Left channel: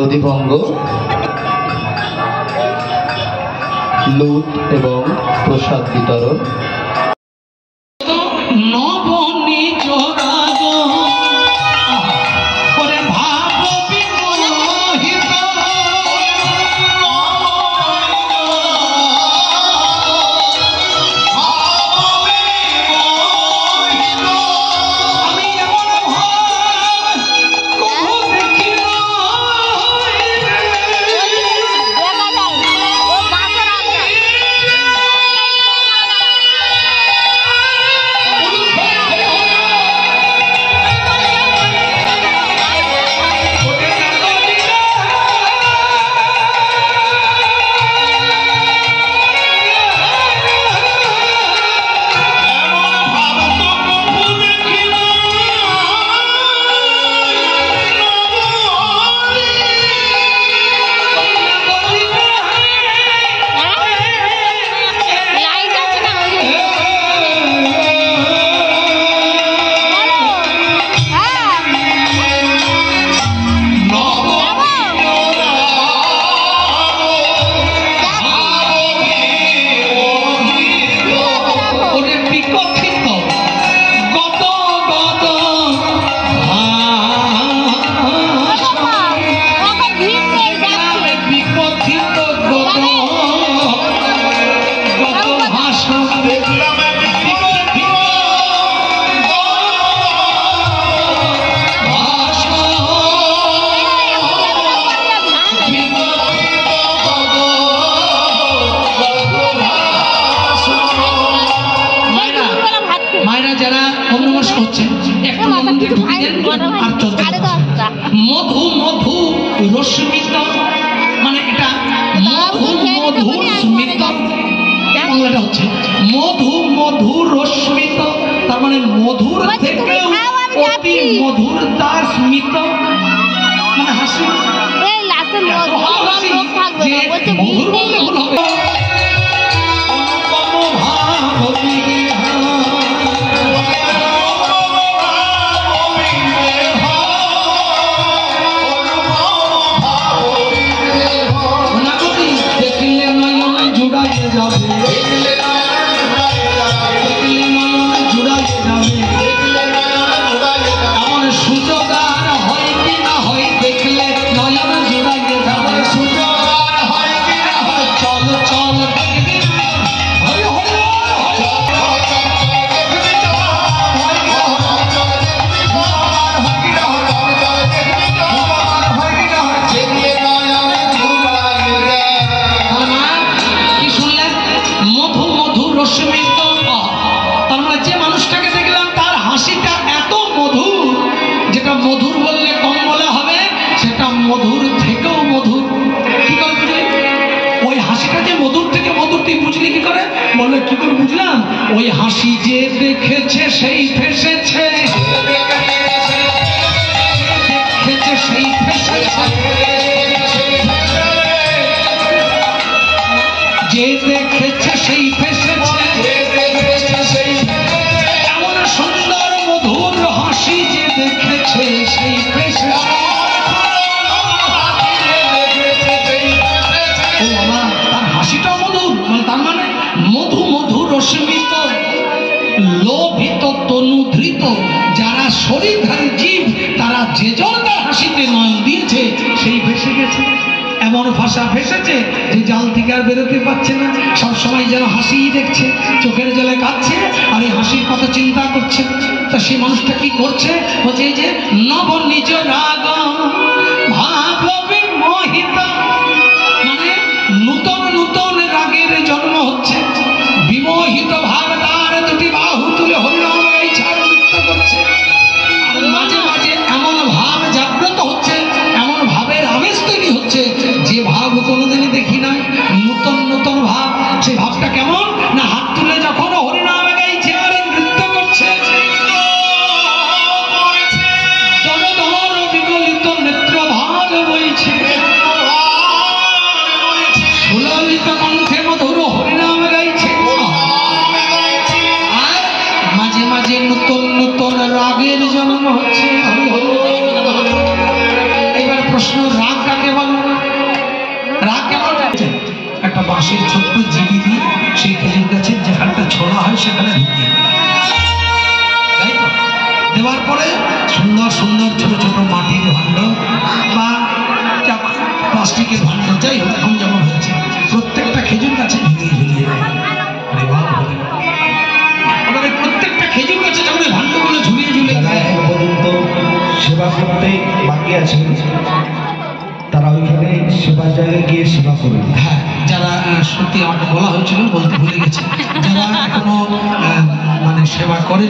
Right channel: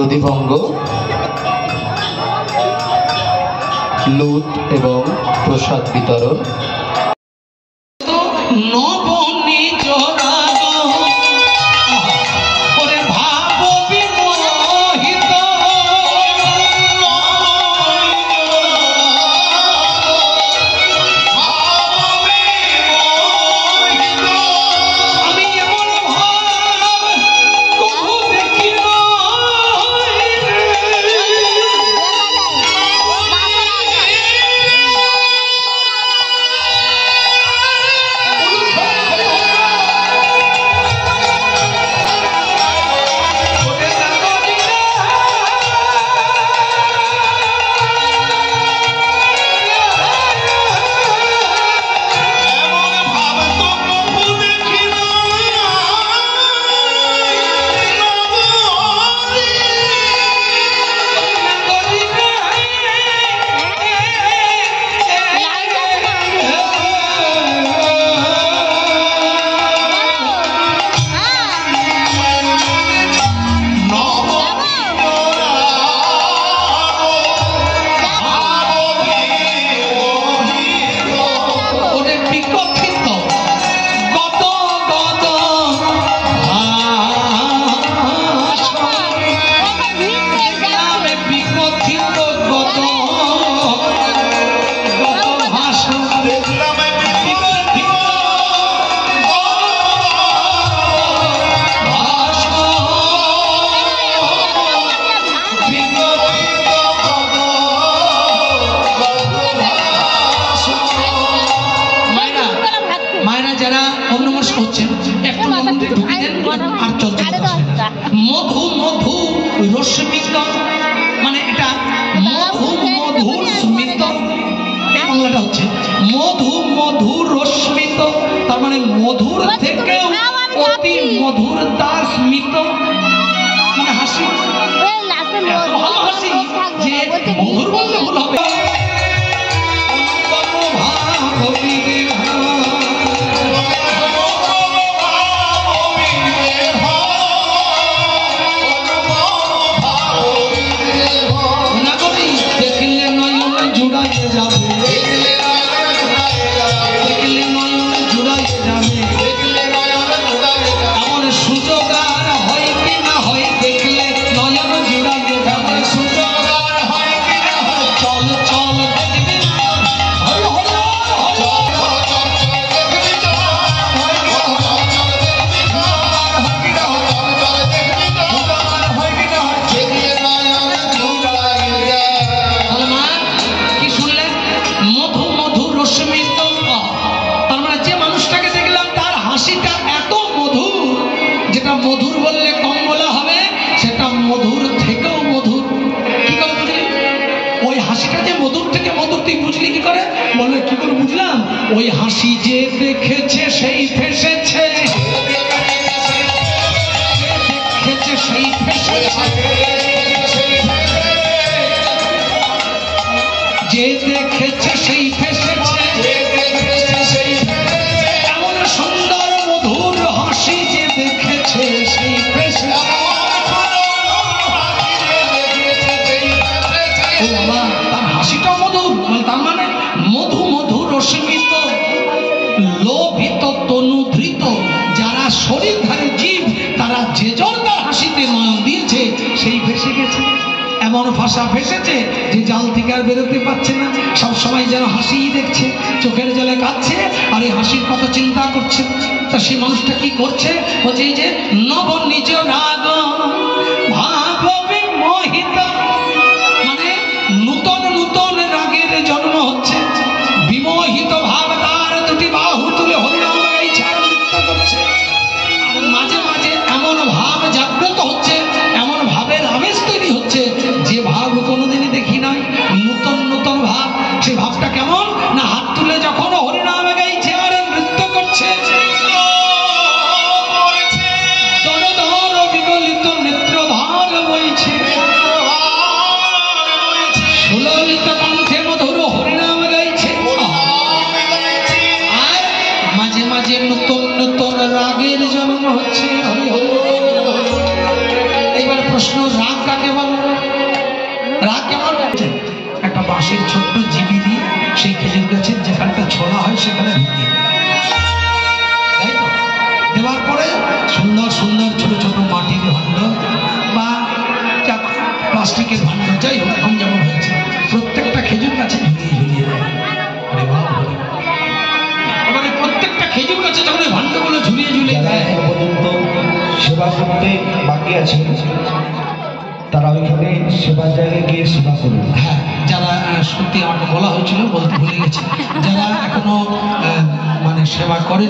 নদীভঙ্গ, লুট এবং প্রসাদ বিতরণ। মধু মধু রশ্মিত, মানে এটা মধু মধুর স্মিত, বাংলাটা হচ্ছে মধু মধু রশ্মিত, তার মানে মধুর থেকে অতি মধুরতা স্মিত, মানে হাসি। যে মধুর বললে ভুল হবে। মধুর বললে কম বলা হবে, সেটা মধুর থেকেও মধুর। কি করে বুঝলি ওই হাসিটা যে মধুর থেকে মধুর? তুই বুঝলি কি করে? বললে কি করে বুঝলাম? ওই হাসি যে দেখেছে সেই ফেসেছে, সেই যে দেখেছে সেই ফেসেছে, এমন সুন্দর মধুর হাসি যে দেখেছে সেই ফেসেছে। ও বাবা, তার হাসিটাও মধুর, তার মানে মধু মধু রশ্মিত, লোভিত তনুধৃত, যারা শরীরধারী জীব তারা যে জন তার হাসিতে নয়ন দিয়েছে সেই ভেসে গেছে। এমন ভাষা ভেসেছে যে জাল থেকে আর বেরোতে পারছে না, সবসময় যেন হাসিই দেখছে, চোখের জলে কাঁদছে আর এই হাসির কথা চিন্তা করছে। তা সেই মানুষটা কি করছে? বলছে এই যে নব নিজ রাগ ভাব বিমোহিত, মানে নূতন নূতন রাগের জন্ম হচ্ছে, বিমোহিত ভাব তার দুটি বাহু তুলে হরিনাম গাইছে আর নৃত্য করছে। আর মাঝে মাঝে এমন ভাব জাগ্রত হচ্ছে, এমন ভাবের আবেশ তৈরি হচ্ছে যে ভাব কোনোদিনই দেখি নাই, নূতন নূতন ভাব। সেই ভাবটা কেমন না, হাত তুলে যখন হরিনাম গাইছে আর নৃত্য করছে, বিগলিত নেত্র ভার বইছে, সুললিত কণ্ঠে মধুর হরিনাম গাইছে, আর মাঝে মাঝে নতুন নতুন রাগের জন্ম হচ্ছে। এবার প্রশ্ন, রাগ কাকে বলে? রাগ কেমন যাচ্ছে? একটা বাঁশের ছোট্ট জিবি দিয়ে সেই খেজুর গাছের যেখানটা ছোড়া হয় সেখানে ঢুকিয়ে দেয়। তাই তো? দেওয়ার পরে সুন্দর সুন্দর ছোট ছোট মাটির ভাণ্ড বা প্লাস্টিকের ভাণ্ড, যাই হোক এখন যেমন হয়েছে, প্রত্যেকটা খেজুর গাছে ঝুলিয়ে ঝুলিয়ে দেয়। আমাদের প্রত্যেকটা খেজুর গাছে যখন ভাণ্ডগুলো ঝুলিয়ে ঝুলিয়ে দেয়। পর্যন্ত সেবা করতে বাকি আছে তারা ওইখানে সেবার জায়গায় গিয়ে সেবা করবে। হ্যাঁ, যারা সত্যি আমাকে বলা হয়েছিল, বলতে ভুলে গেছে, যারা এখনো মানে সেবা করে